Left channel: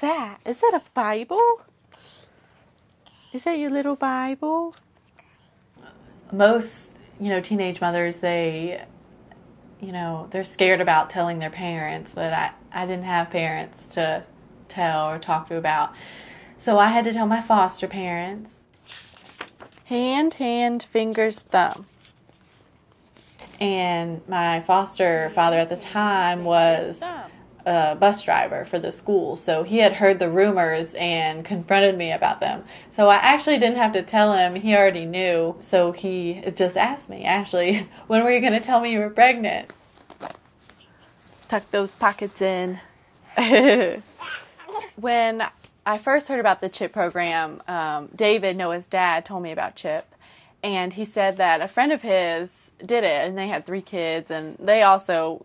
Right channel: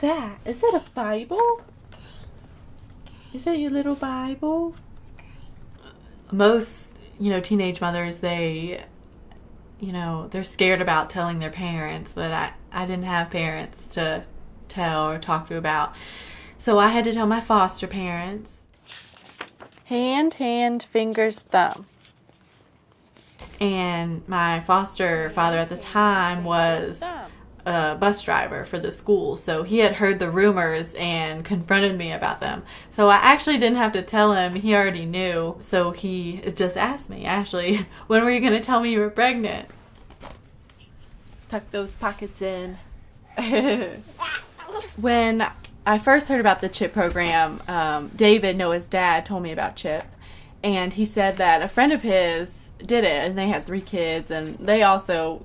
that? Is it a Bible? Is that your little Bible? Most, teenage mothers, they're scared about telling their parents, but I didn't have parents to tell or talk to about. So I had to tell my foster parents. Hand, fingers, thumb. And my foster father at the time was a bus driver for the school, so he had heard the rumors and confronted me about them. So I actually didn't have to tell him. He already knew. So he just asked me, Ashley, when were you going to tell me you were pregnant? Tuck those pockets in. When I first heard about the CHiP program, David, Noah's dad, told me about CHiP. And he said that a friend of his did it, and they had 3 kids, and they also,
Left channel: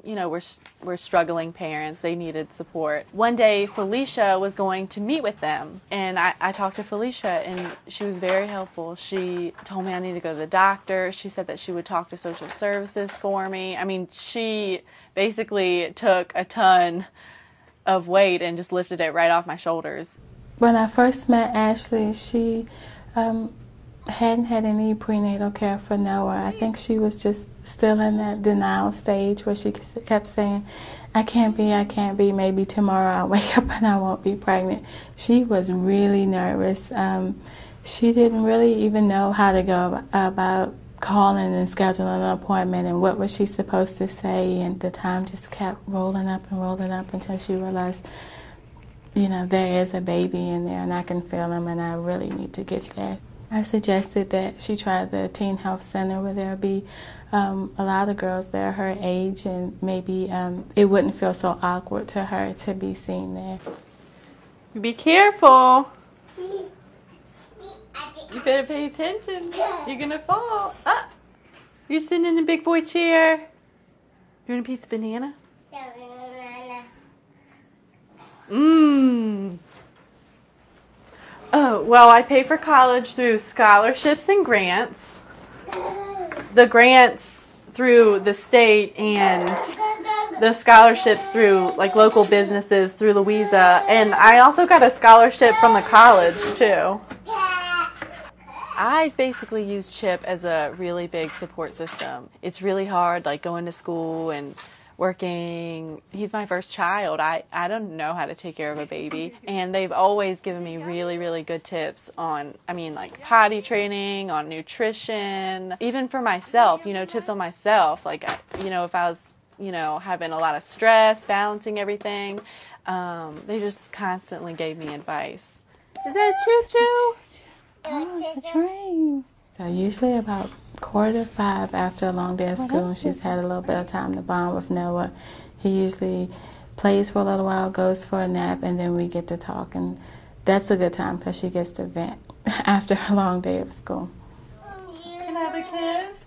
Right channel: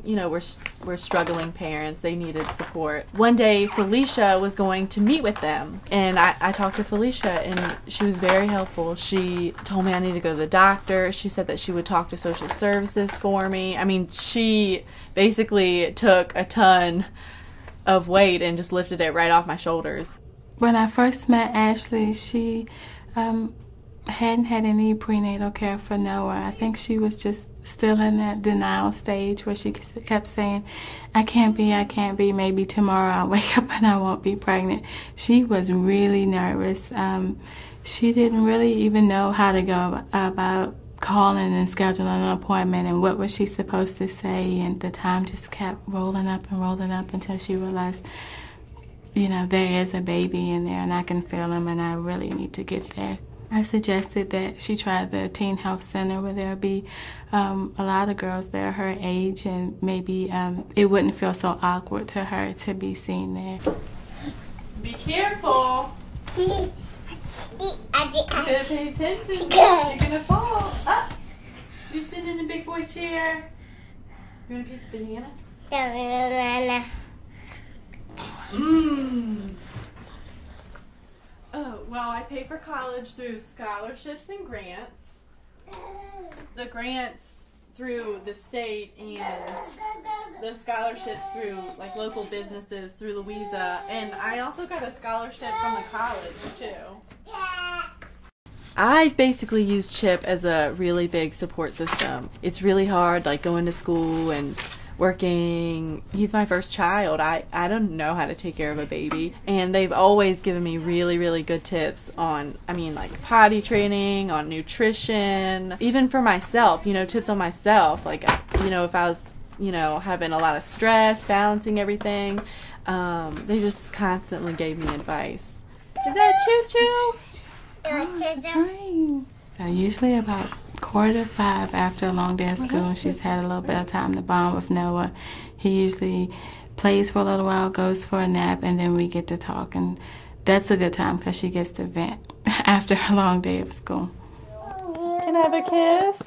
were struggling parents. They needed support. One day, Felicia was going to meet with them, and I talked to Felicia, and she was very helpful. She told me I need to go to the doctor. She said that she would talk to social services for me. I mean, she basically took a ton of weight and just lifted it right off my shoulders. When I first met Ashley, she hadn't had any prenatal care for Noah. I think she was just still in that denial stage where she kept saying, I can't be, maybe tomorrow I'll wake up and I won't be pregnant. She was really nervous. She didn't really even know how to go about calling and scheduling an appointment and what was she supposed to say, and the time just kept rolling up until she realized, there is a baby in there and I can feel him and I really need to get there. I suggested that she try the teen health center where there'll be a lot of girls there her age, and maybe it wouldn't feel so awkward to her to be seen there. Be careful. You better pay attention. You're going to fall. Ah, you're sitting in the big boy chair. You want a piece of banana? Oh, well, I pay for college through scholarships and grants. The grants through the state and the scholarships through local businesses through Louisa. And I also got a scholarship from the college too. I've basically used CHiP as a really big support system. It's really hard, going to school and working. He's my first child. I don't know how to take care of a baby. And they've always given me really, really good tips on, potty training, on nutrition, even for myself, tips on myself. If I was, having a lot of stress, balancing everything, they just constantly gave me advice. Is that choo-choo? Oh, that's right. So usually about 4:45 after a long day of school, and she's had a little bit of time to bond with Noah. He usually plays for a little while, goes for a nap, and then we get to talk. And that's a good time because she gets to vent after a long day of school. Can I have a kiss?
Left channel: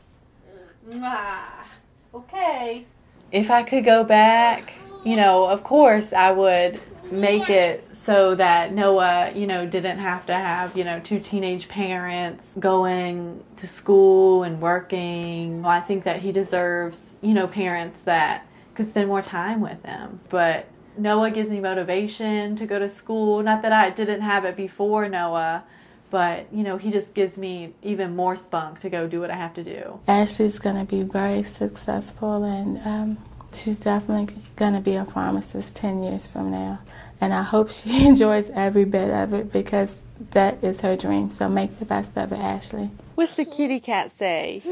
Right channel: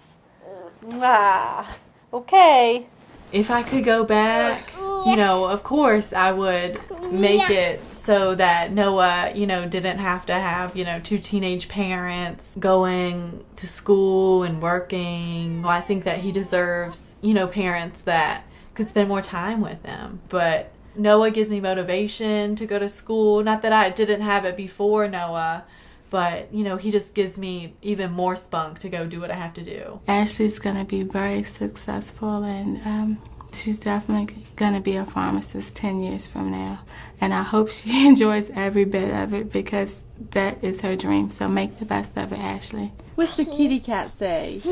Ah, okay. If I could go back, of course I would make it so that Noah, didn't have to have, 2 teenage parents going to school and working. Well, I think that he deserves, parents that could spend more time with him. But Noah gives me motivation to go to school. Not that I didn't have it before Noah, but, he just gives me even more spunk to go do what I have to do. Ashley's going to be very successful, and she's definitely going to be a pharmacist 10 years from now. And I hope she enjoys every bit of it because that is her dream. So make the best of it, Ashley. What's the kitty cat say?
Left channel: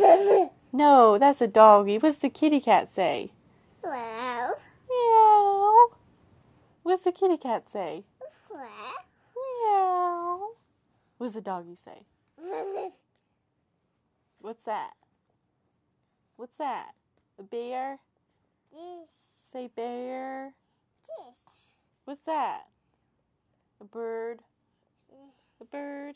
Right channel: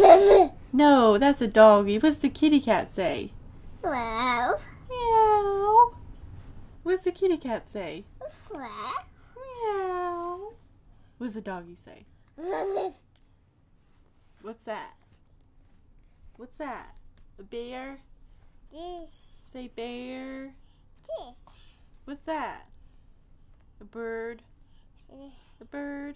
No, that's a doggy. What's the kitty cat say? Meow. Meow. What's the kitty cat say? Meow. What's the doggy say? What's that? What's that? A bear? This. Say bear. This. What's that? A bird? A bird?